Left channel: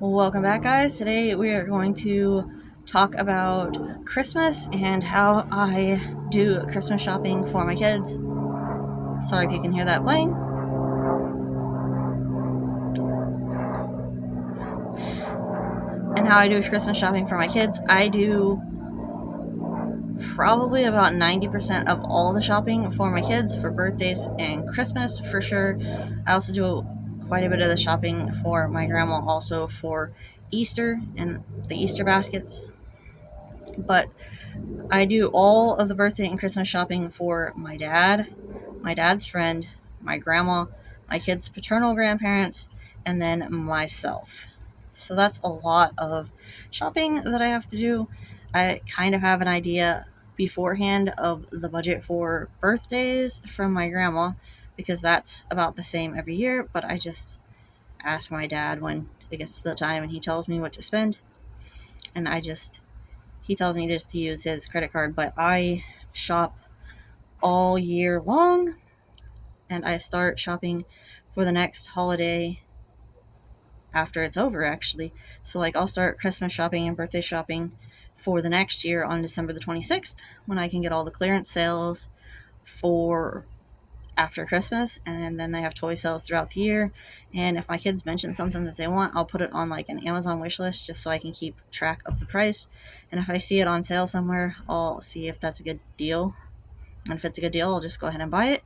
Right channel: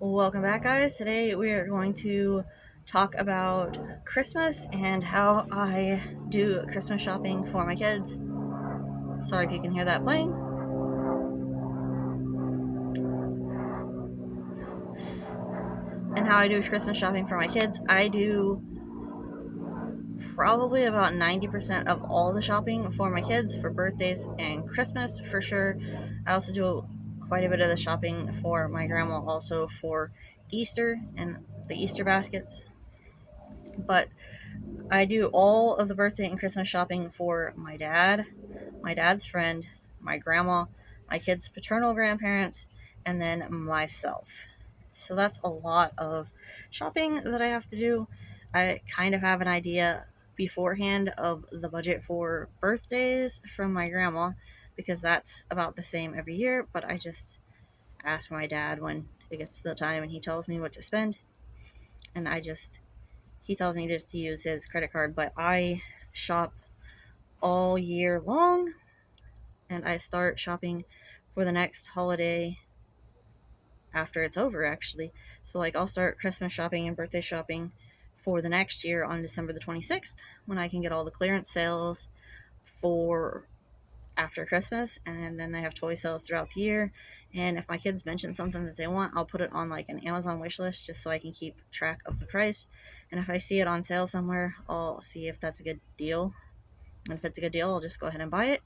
Welcome back, guys. Today we are going to talk about Christmas and how I do Christmas shopping for my kids. Sorry if you can hear that playing. And how I do Christmas shopping for my kids. I do probably about 90% of all the shopping for my kids for birthdays and Christmas for sure. I also do quite a bit of the shopping for my grandma, also for Easter and the Easter baskets. But I do all of the birthday and Christmas shopping for my dad, my dad's friend, my grandma, my kids' paternal grandparents, and then myself. So that's a lot of shopping that I have to do. I kind of have an idea beforehand of the budget for birthdays from my grandma because that's about the same every year, but I just ask my dad when it gets to the time and he tells me what to spend, and he tells me just to use his credit card, but I shop all year long and I start shopping for the next holiday after it's over, actually. So, like, I'll start Christmas shopping and birthday shopping for the next year on December the 26th when I can get all the clearance sales for after Christmas, and then they have toy sales throughout the year. And if my kids mention something that they want, I'll put it on like an Amazon wish list just so I can keep track of the price. And if I see it on sale somewhere, I'll see if that's a good deal. And if it's a good deal, I'll just go ahead and buy it.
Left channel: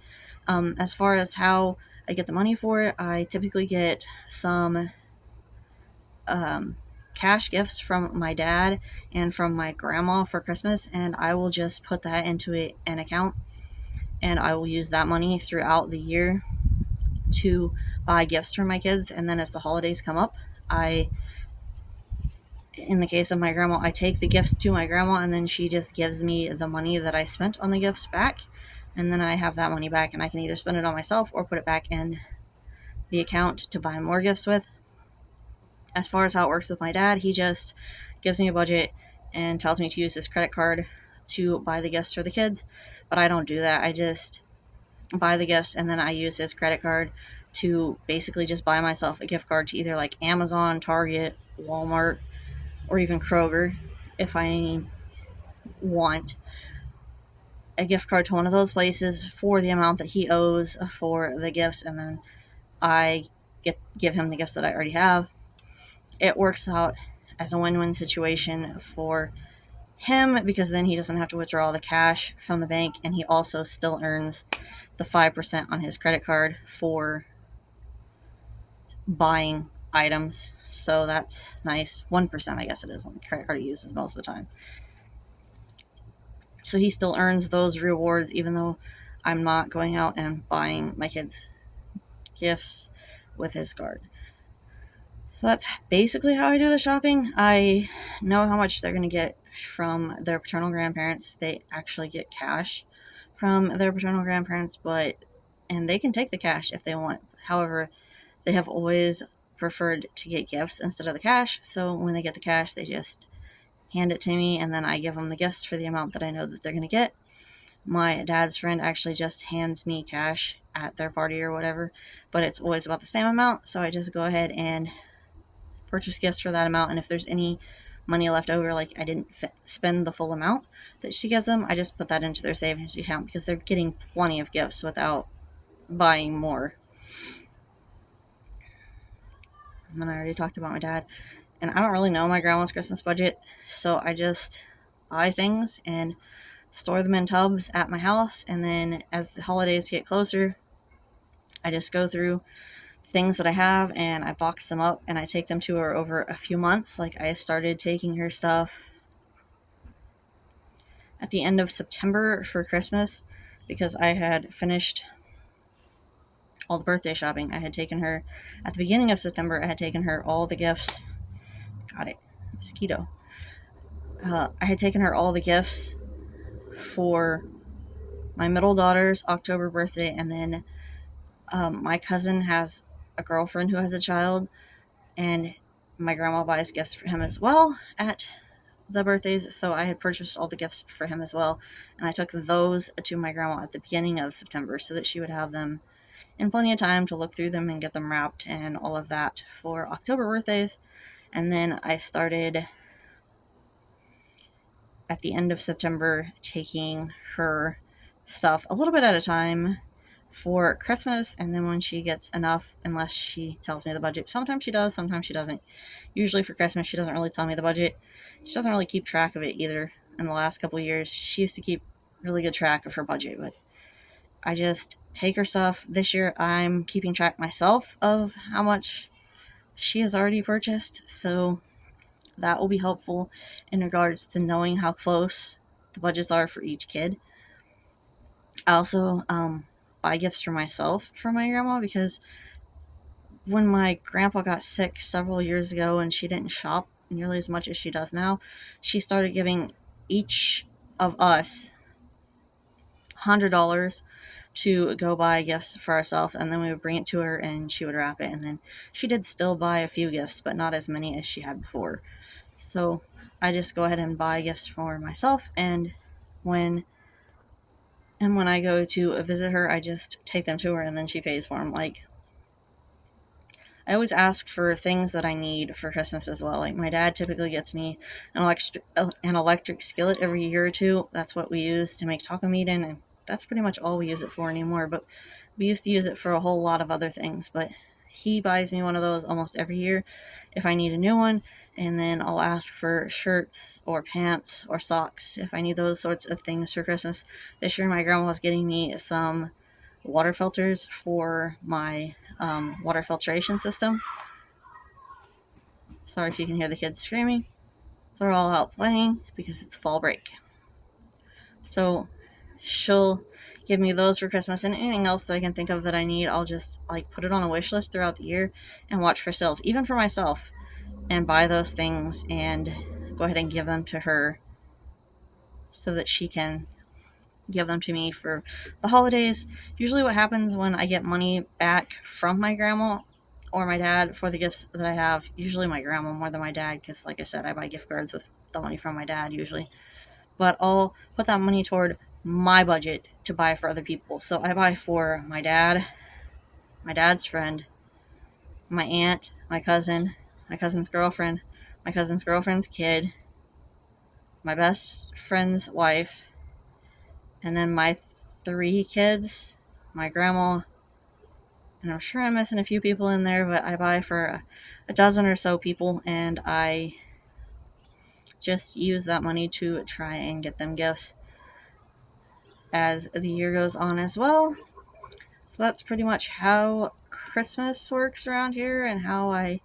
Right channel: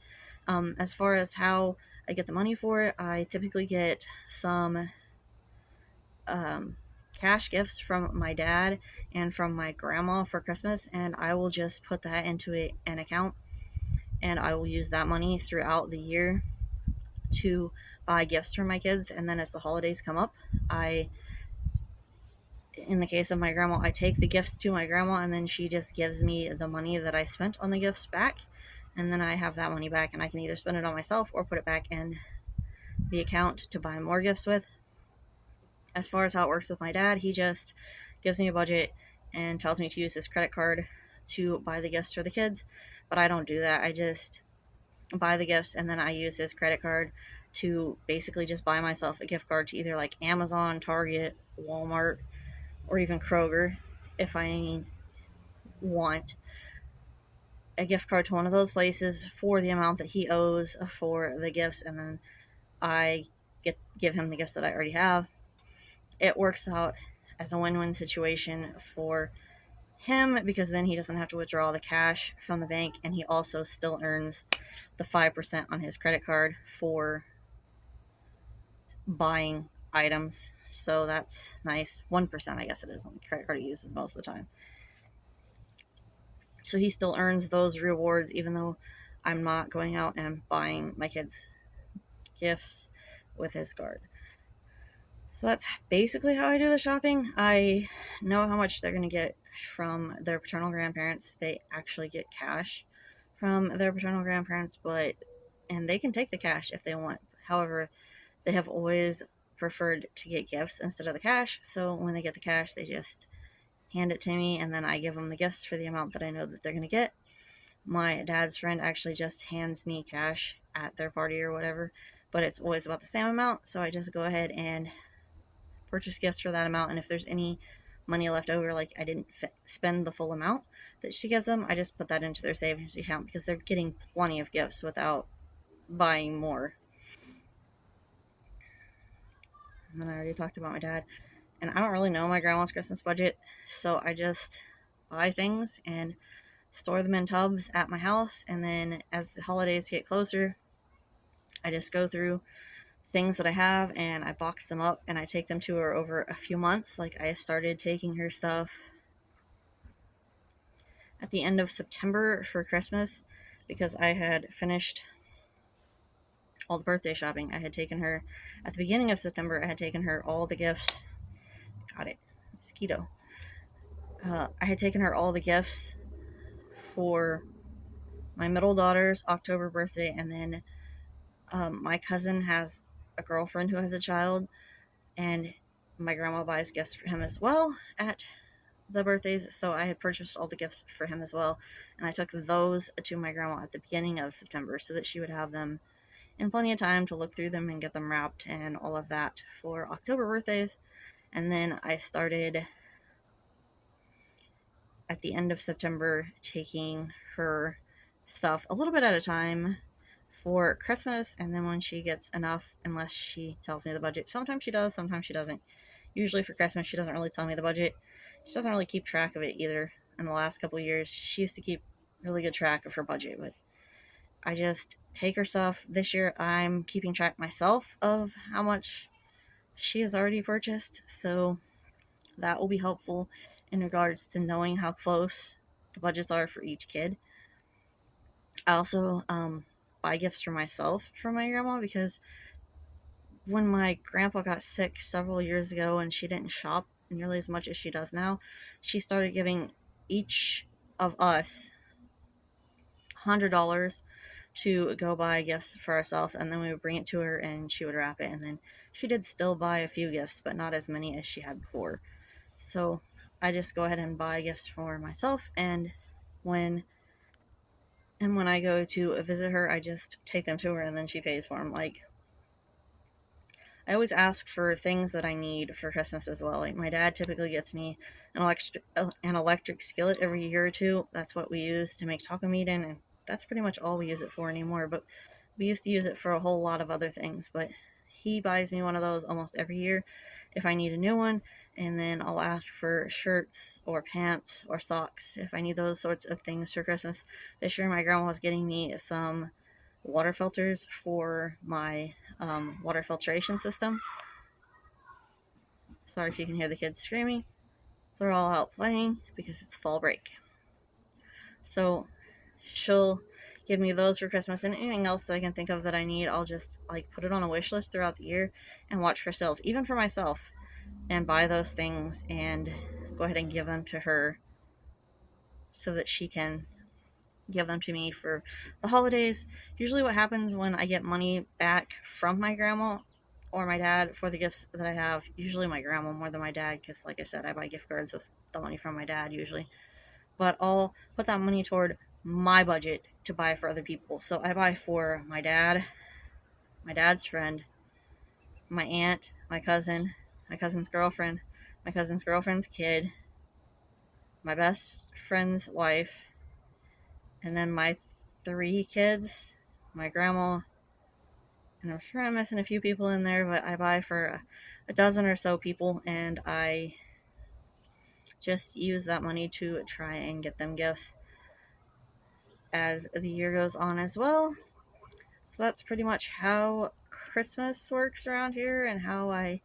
As far as how I get the money for it, I typically get some cash gifts from my dad and from my grandma for Christmas, and I will just put that into an account, and I will use that money throughout the year to buy gifts for my kids. And then as the holidays come up, in the case of my grandma, I take the gifts to my grandma, and then she just gives me the money that I spent on the gifts back, and then I have that money back, and I can either spend it on myself or put it back in the account to buy more gifts with. As far as how it works with my dad, he just gives me a budget and tells me to use his credit card to buy the gifts for the kids, but I don't do that. I just buy the gifts, and then I use his credit card to basically just buy myself a gift card to either like Amazon, Target, Walmart, or even Kroger if I want a gift card to one of those places for the amount that he owes for the gifts, and then I give him the gifts that I already have. It works out as a win-win situation for him because then he doesn't have to withdraw the cash from the bank, and he also still earns the 5% on his credit card for buying items. So that's nice. 1%, I guess it is, on the credit card he uses most of the time. So he still earns those rewards even though I'm not going out and buying my kids gifts with his card. So that's basically how I do the shopping. I know how much they're going to get from their paternal grandparents. They actually get cash from their paternal grandparents, and they can take the cash if they want. However, they have always preferred to get gifts instead of the cash. So when they get the cash, they just hand it to me, and then I give them the gifts for the amount that I know that they're going to get. My dad's friend actually just hands me cash at their party or whatever, but it's always about the same amount. So I just go ahead and purchase gifts for that amount, and if there's any money left over, like I didn't spend the full amount that she gives them, I just put that into their savings account because they're getting plenty of gifts without buying more. And then I already talked about my dad, and I don't really know my grandma's Christmas budget, so I just buy things and store them in tubs at my house, and then as the holidays get closer, I just go through things that I have and I box them up and I take them to her over a few months. Like I started taking her stuff at the end of September for Christmas because I had finished all the birthday shopping. I had taken her at the beginning of September. I had taken her all the gifts. Got it, mosquito. I had taken her all the gifts for my middle daughter's October birthday, and then my cousin has a girlfriend who has a child, and my grandma buys gifts for him as well at the birthdays, so I had purchased all the gifts for him as well, and I took those to my grandma at the beginning of September so that she would have them in plenty of time to look through them and get them wrapped and all of that for October birthdays. And then I started at the end of September taking her stuff a little bit at a time for Christmas, and then when she gets enough, unless she tells me the budget. Sometimes she does, sometimes she doesn't. Usually for Christmas, she doesn't really tell me the budget. She doesn't really keep track of it either. In the last couple of years, she used to keep really good track of her budget, but I just take her stuff. This year, I'm keeping track myself of how much she has already purchased, so that will be helpful in regards to knowing how close the budgets are for each kid. I also buy gifts for myself for my grandma, because when my grandpa got sick several years ago and she didn't shop nearly as much as she does now, she started giving each of us $100 to go buy gifts for ourselves, and then we would bring it to her and she would wrap it. And then she did still buy a few gifts, but not as many as she had before. So I just go ahead and buy gifts for myself, and when I go to visit her, I just take them to her and then she pays for them. Like, I always ask for things that I need for Christmas as well. Like, my dad typically gets me an electric skillet every year or two. That's what we use to make taco meat in, and that's pretty much all we use it for anymore. But we used to use it for a whole lot of other things. But he buys me one of those almost every year if I need a new one, and then I'll ask for shirts or pants or socks if I need those sorts of things for Christmas. This year, my grandma was getting me some water filters for my water filtration system. Sorry if you can hear the kids screaming. They're all out playing because it's fall break. So she'll give me those for Christmas, and anything else that I can think of that I need, I'll just like put it on a wish list throughout the year and watch for sales, even for myself, and buy those things and go ahead and give them to her so that she can give them to me for the holidays. Usually what happens when I get money back from my grandma or my dad for the gifts that I have, usually my grandma more than my dad, because like I said, I buy gift cards with the money from my dad usually, but I'll put that money toward my budget to buy for other people. So I buy for my dad, my dad's friend, my aunt, my cousin's girlfriend, my cousin's girlfriend's kid, my best friend's wife, and then my 3 kids, my grandma, and I'm sure I'm missing a few people in there, but I buy for a dozen or so people, and I just use that money to try and get them gifts as the year goes on as well. So that's pretty much how Christmas works around here and how I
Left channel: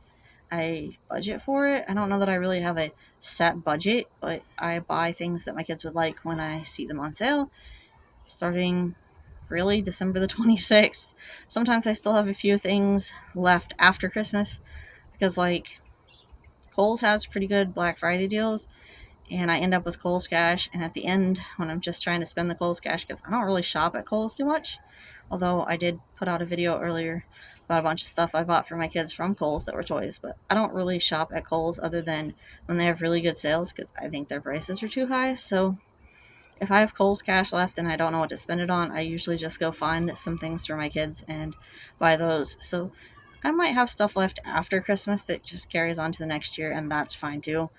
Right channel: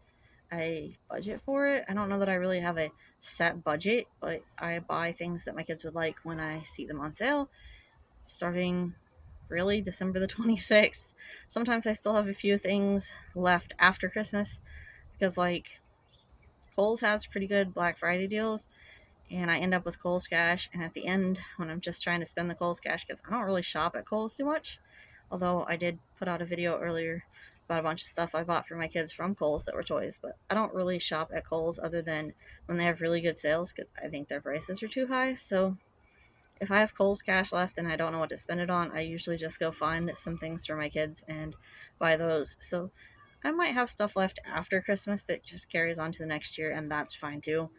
budget for it. I don't know that I really have a set budget, but I buy things that my kids would like when I see them on sale, starting really December the 26th. Sometimes I still have a few things left after Christmas, because like Kohl's has pretty good Black Friday deals, and I end up with Kohl's cash, and at the end when I'm just trying to spend the Kohl's cash, because I don't really shop at Kohl's too much, although I did put out a video earlier about a bunch of stuff I bought for my kids from Kohl's that were toys, but I don't really shop at Kohl's other than when they have really good sales, because I think their prices are too high. So if I have Kohl's cash left and I don't know what to spend it on, I usually just go find some things for my kids and buy those. So I might have stuff left after Christmas that just carries on to the next year, and that's fine too.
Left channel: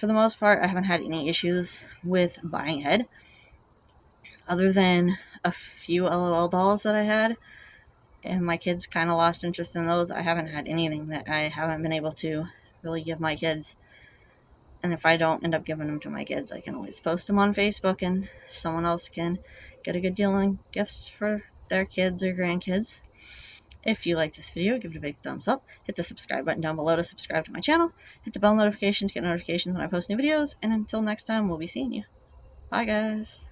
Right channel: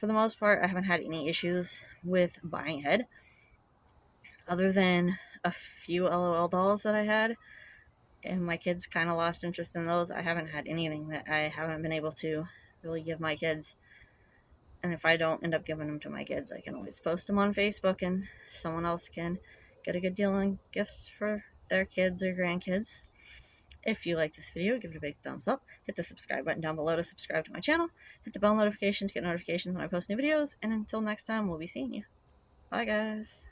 For the most part, I haven't had any issues with buying ahead, other than a few LOL dolls that I had, and my kids kind of lost interest in those. I haven't had anything that I haven't been able to really give my kids. And if I don't end up giving them to my kids, I can always post them on Facebook, and someone else can get a good deal on gifts for their kids or grandkids. If you like this video, give it a big thumbs up. Hit the subscribe button down below to subscribe to my channel. Hit the bell notification to get notifications when I post new videos. And until next time, we'll be seeing you. Bye, guys.